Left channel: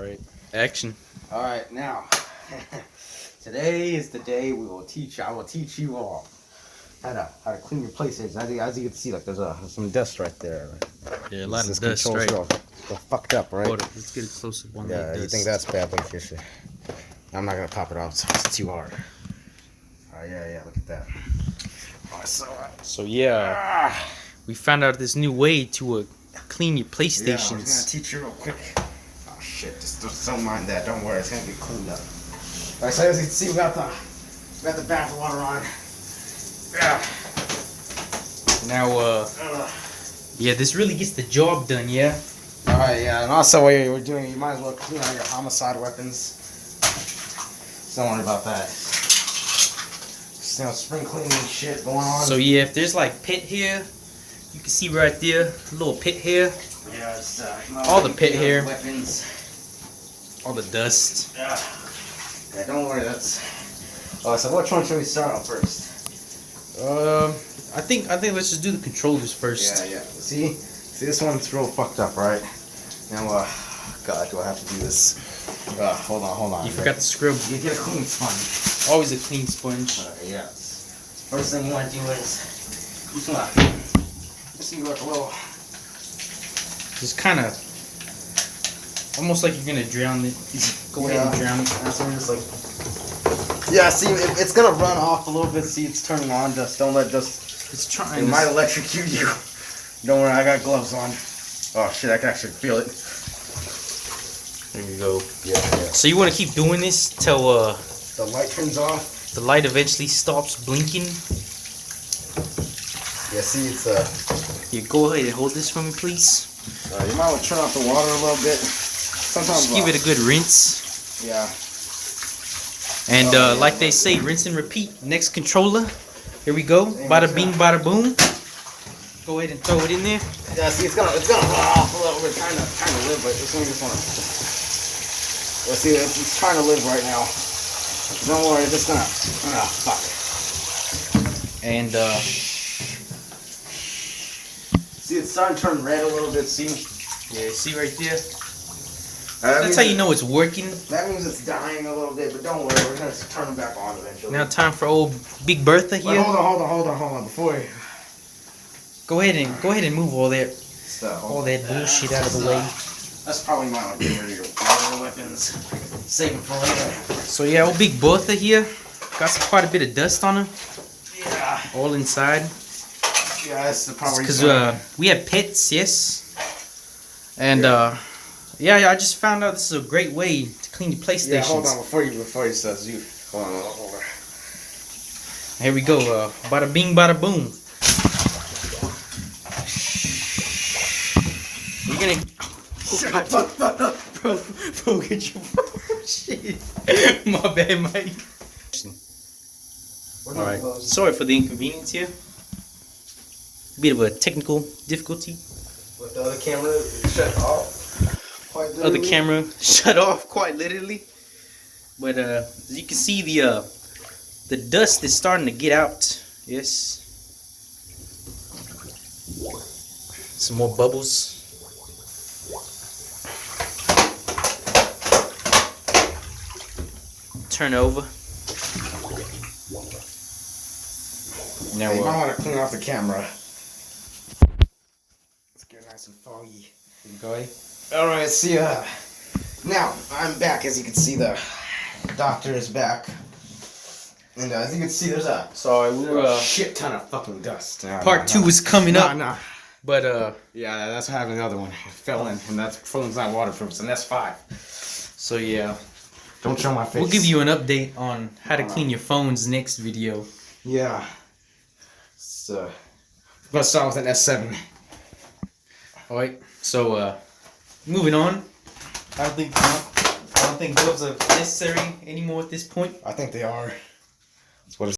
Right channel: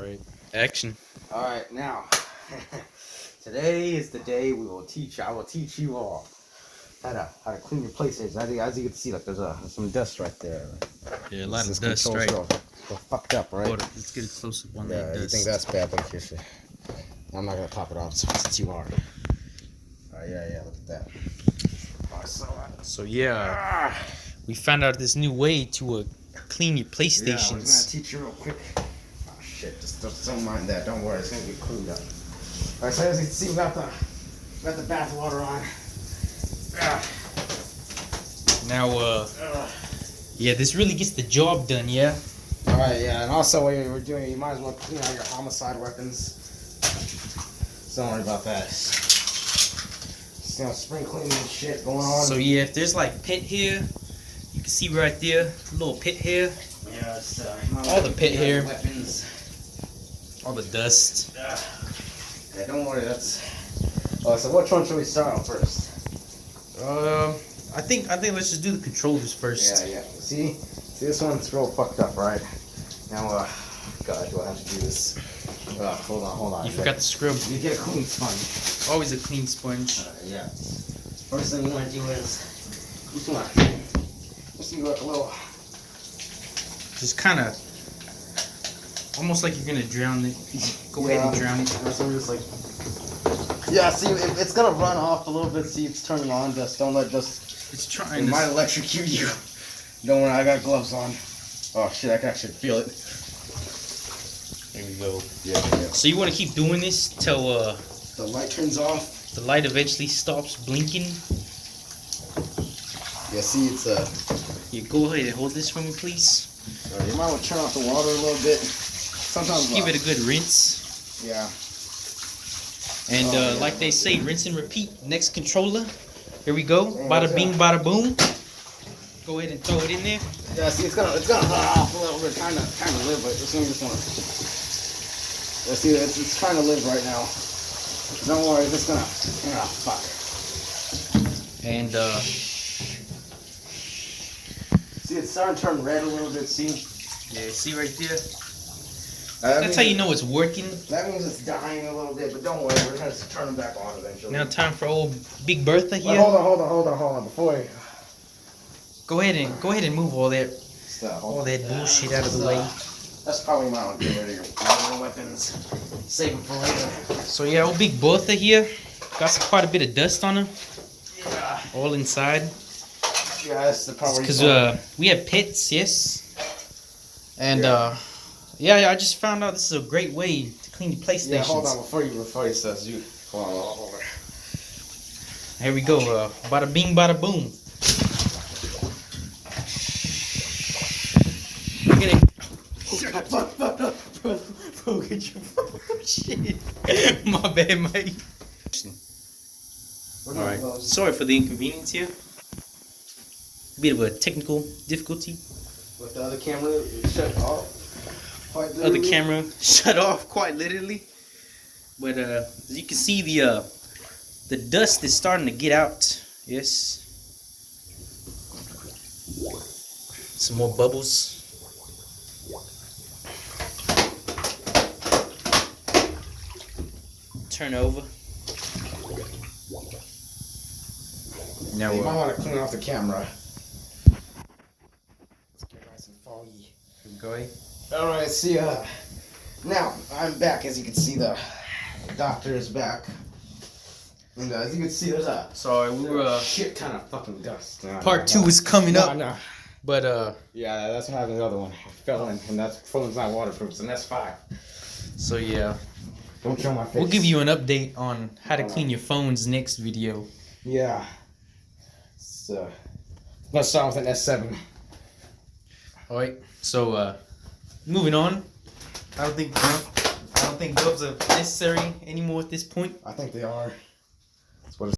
Alright, action. Alright, now, today is the day I will teach you all how to clean your PlayStation. As you can see, like, there's some dust right there. Yeah, a lot of dust, right? Real fucked up, right? Hold up, let's get a close up on that You dust. think that's bad, but yes, I'm not gonna top it off, so it's too hard. Alright, yeah, look at that. So yeah, we found out this new way to clean your PlayStations. Yeah, I'm gonna teach you real quick. Oh shit, just don't mind that. Don't worry, it's gonna be cleaned up. Alright, so as you can see, we got the bath water on. Yeah. Now, yeah, this really gets the job done, yeah? Alright, yeah, and also while you're doing it, you might as well clean out your homicide weapons. So don't worry about that. Just, spring cleaning shit going on. So yeah, if there's like pit here, you can see right there, a little pit here. Yeah, it's, all the pit here. Weapons. All the dust. Yeah, don't worry, that's... Oh, so which one should we start on first? I think let's just do the controllers first. Yeah. See, this one's real fucked up, right? Now, God, do I have to do this? Hold on. You forgot to scrub. You get a clean sponge. Always a clean sponge. Yeah. First thing you want to do is you want to see like a little. Just kind of almost like you're gonna drown it. Go ahead and drown it. That's what we're just like. Yeah, see, it's gonna run off a little bit. See, it's turning on. Just don't let just. It's trying. It might electrocute you. Don't worry, I got gloves on. Oh shit, I can actually feel it. There you go. Yeah. So you want to keep doing this till the light turns off. The light eventually stops blinking. Yeah, see, it's You go ahead and hold this for me, please. You might want to turn off the water a little bit. Sometimes just give it a good rinse. Yeah. And like they say, rinse and repeat. Next controller. Here we go. Bada bing, bada boom. Go ahead and throw it in there. Yeah, see, it's gonna run off a little bit, trying to live, but it's gonna just wanna. Yeah, see, it's trying to live right now. Don't worry, it's just gonna. Fuck. And see, it's starting to turn red a little bit. See? Yeah, see right there. That's how you know it's working. That means it's dying a little bit, but don't worry, we're gonna turn them back on eventually. Now time for old Big Bertha here. But hold on, before you. Go ahead and move all that bullshit out of the way. That's probably my one. Get rid of your weapons. Save them for later. So yeah, old Big Bertha here. Got quite a bit of dust on her. Yeah. All inside. Yeah, that's the part. Because we have pets, yes. And yeah, I just found out this is a great way to clean your PlayStation. Yeah, hold on before you says you. Hold on. Here we go. Bada bing, bada boom. You're gonna. Bro, get your shit. My bad, Mike. Alright, sorry for the inconvenience here. Bit of a technical difficulty. With the other camera shut off. Other camera shut off quite literally. But as you can see, the dust is starting to get out. Yes. Some more bubbles. Turn over. Now you might want to clean off the camera. Let's get nice and foggy. Go ahead. Alright, see now I'm back. As you can see, the doctor is back. And as you can see, there's a shit ton of fucking dust. Part 2 is coming up. No. But yeah, that's what happened to the other one. It fell in, and that phone's not waterproof, and that's 5. So yeah. Don't show my face. We'll give you an update on how to clean your phones next video. Yeah. So let's start with an S7. Alright, so moving on. I don't think gloves are necessary anymore at this point. I think they are. That's what it's